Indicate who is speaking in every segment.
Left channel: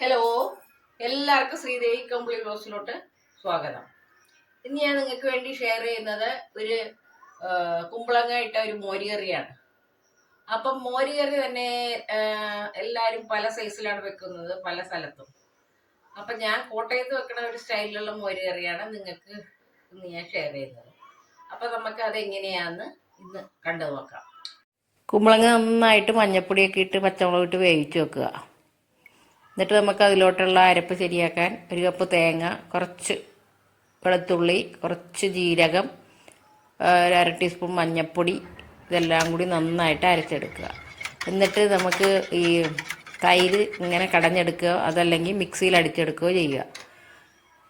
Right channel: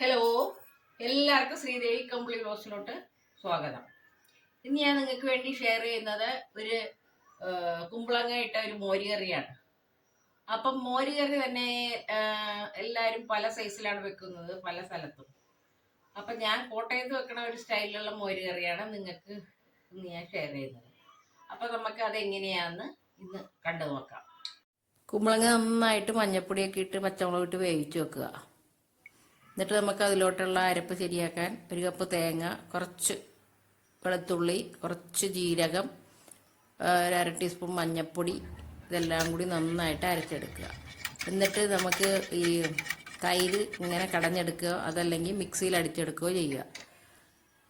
Speaker 1: Hello എല്ലാവർക്കും ശ്രീദേവി കമ്പിളി ബ്ലോസിലോട്ട് സ്വാഗതം. ഇന്ന് ഞാൻ നിങ്ങൾക്ക് വേണ്ടി ഷെയർ ചെയ്യുന്നത് ഒരു കുമ്പളങ്ങ ഇട്ട ഒരു മോരുകറിയാണ് അപ്പം മോരുകറി തന്നെ എല്ലാവരും പല സൈസിലാണ് വെക്കുന്നത് പല സ്ഥലത്തും. അപ്പം ഞാൻ കോട്ടയത്ത് വെക്കണ ഒരു സ്റ്റൈലിലുള്ള മോരുകറിയാണ് നിങ്ങൾക്ക് ഇന്ന് ഞാൻ ഷെയർ ചെയ്യുന്നത്. അപ്പം നമുക്ക് അത് ഇന്ന് കണ്ടു നോക്കാം കുമ്പളങ്ങ നന്നായിട്ട് മഞ്ഞപ്പൊടിയൊക്കെ ഇട്ട് പച്ചമുളക് ഇട്ട് വേവിച്ച് വെക്കുക. എന്നിട്ട് നമുക്ക് അതിലോട്ടുള്ള അരപ്പ് ശരിയാക്കാൻ ഒരു കപ്പ് തേങ്ങ കുറച്ച് വെളുത്തുള്ളി കുറച്ച് ജീരകം ഒരു അര ടീസ്പൂൺ മഞ്ഞൾപ്പൊടി ഇതെല്ലാം കൂടി നന്നായിട്ട് അരച്ചെടുക്കുക. എന്നിട്ട് നമുക്ക് ഈ തൈര് ഇങ്ങനെ കടഞ്ഞെടുക്കുക അതല്ലെങ്കിൽ മിക്സിയിൽ അടിച്ചെടുക്കുകയോ ചെയ്യുക.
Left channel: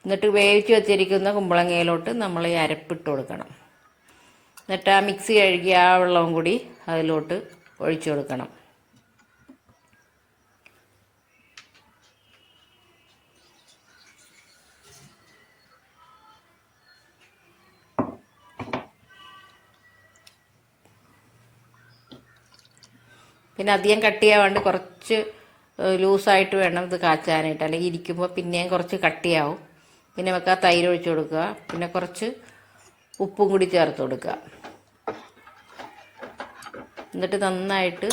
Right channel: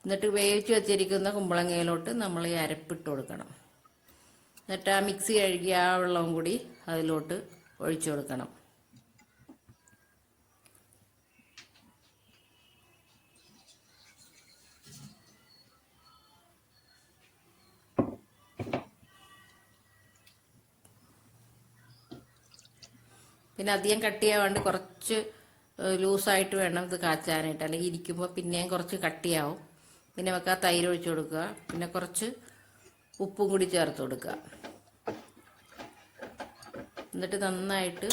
Speaker 1: എന്നിട്ട് വേവിച്ച് വെച്ചിരിക്കുന്ന കുമ്പളങ്ങയിലോട്ട് നമ്മൾ ഈ അരപ്പിട്ട് കൊടുക്കണം. എന്നിട്ട് ആ മിക്സി കഴുകി ആ വെള്ളവും കൂടി അതിലോട്ട് ഒഴിച്ചു കൊടുക്കണം. പിന്നെ അധികം കട്ടിയാവാണ്ട് കുറച്ച് ലൂസായിട്ട് വേണം ഇത് കാച്ചാനായിട്ട്. അല്ലെങ്കിൽ ഇരിക്കുമ്പോൾ പിന്നെയും കുറച്ച് കട്ടിയാവും. പിന്നെ നമുക്ക് ആ തൈര് ഒഴിച്ച് കൊടുക്കുക. പിന്നെ കുറച്ച് ഉപ്പും കൂടി ചേർത്ത് കൊടുക്കുക. എന്നിട്ട് നന്നായിട്ട്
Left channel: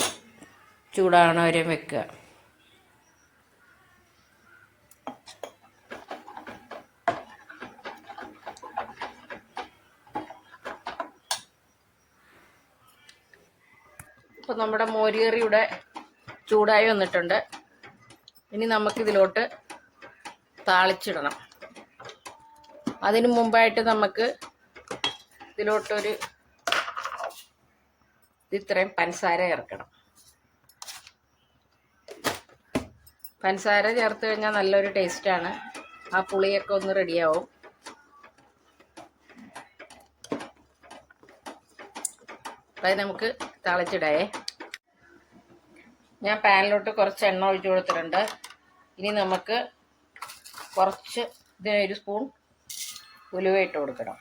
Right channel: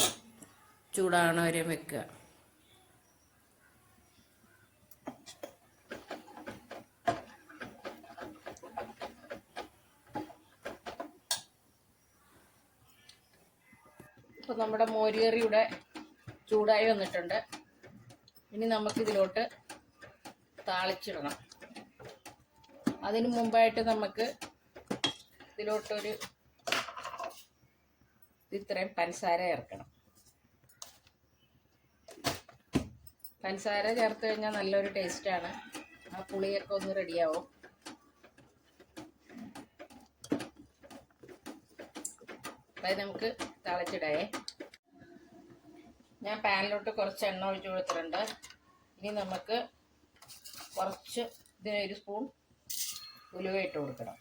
Speaker 1: ചൂടാകണ വരെ വെക്കുക. ഇപ്പം നമ്മുടെ മോരുകറി ചൂടായി വന്നിട്ടുണ്ട്. ഇനി നമുക്കിതിലോട്ട് താളിച്ചിടണം. അതിനു മുമ്പായിട്ട് നമുക്ക് ഇതിലോട്ടൊരു ഇത്രയും പഞ്ചസാര ചേർക്കണം. പഞ്ചസാര ചേർത്ത് കഴിഞ്ഞാൽ നല്ലൊരു ടേസ്റ്റാണ് ആ പുളിയൊക്കെ ഒന്ന് റെഡിയാവും അത് നമുക്ക് തിളച്ചിടേ. ഞാൻ പാനിലോട്ട് കുറച്ച് എണ്ണ ഒഴിച്ചു കൊടുത്തിട്ടുണ്ട്. ഇനി നമുക്ക് കുറച്ച് ഇതിന് ഒരു സ്പൂൺ ഉലുവ ഇട്ട് കൊടുക്കണം.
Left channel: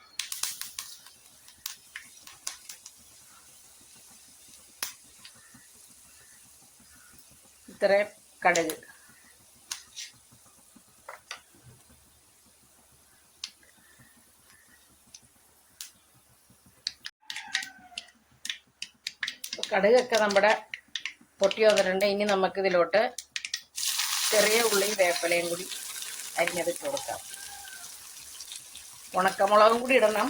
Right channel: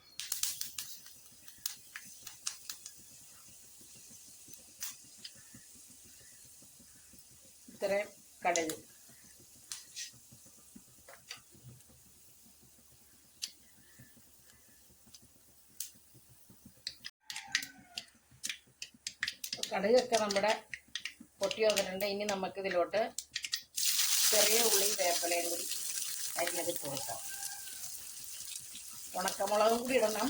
Speaker 1: ഇത്രയും കടുക്. കടുകൊക്കെ നമ്മുടെ പൊട്ടി വന്നിട്ടുണ്ട്. ഇനി നമുക്കിതിലോട്ട് ചെറിയ ഉള്ളിയും വേപ്പിലയും കൂടി അരിഞ്ഞതിട്ട് കൊടുക്കാം. ഉണക്കമുളകും കൂടി ഇടണം.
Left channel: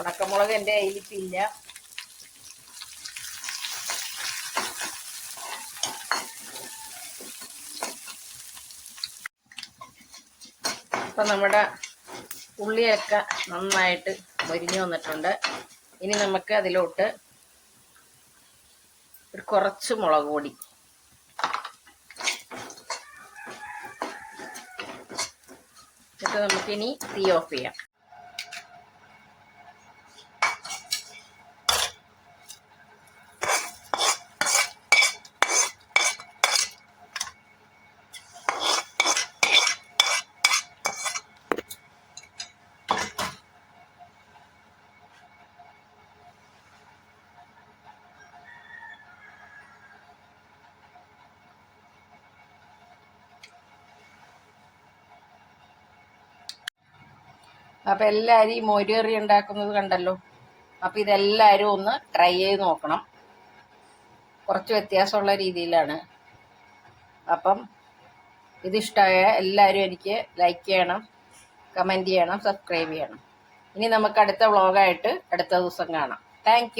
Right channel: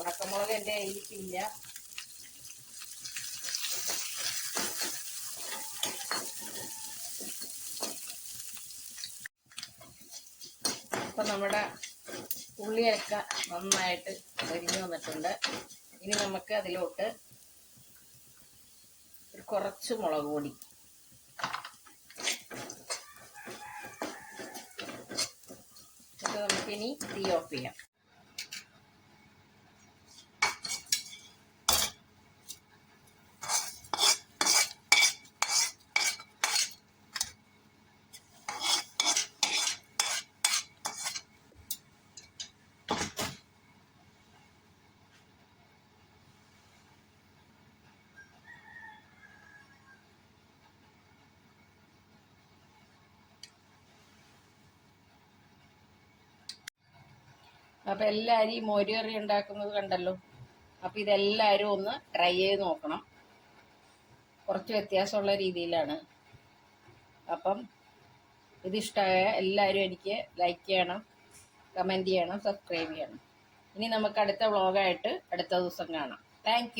Speaker 1: ഉണക്കമുളക് എന്റെ കയ്യിലിപ്പില്ല അപ്പം നമ്മുടെ ഉള്ളിയൊക്കെ നന്നായിട്ട് മുരിഞ്ഞു വന്നിട്ടുണ്ട്. ഇനി നമുക്ക് അതിലോട്ട് ഒരു കുറച്ച് മുളക് പൊടി. എന്നിട്ട് നമുക്കിനി തീ ഓഫ് ചെയ്യാം. അപ്പം എല്ലാവരും ഈ മോരുകറി ഉണ്ടാക്കുന്നത് കണ്ടല്ലോ. അപ്പോൾ ഇതെല്ലാരും ഒന്ന് ട്രൈ ചെയ്ത് നോക്കണം. കുറച്ച് വ്യത്യാസമുള്ള രീതിയിലാണ്. അപ്പം ഇതിഷ്ടമായ എല്ലാവരും എനിക്ക് ലൈക്ക് ചെയ്യണം കമന്റ് ചെയ്യണം സബ്സ്ക്രൈബ് ചെയ്യണം. ഇനി നമുക്ക് അടുത്ത വ്ളോഗായിട്ട് അടുത്ത ദിവസം കാണാം. താങ്ക്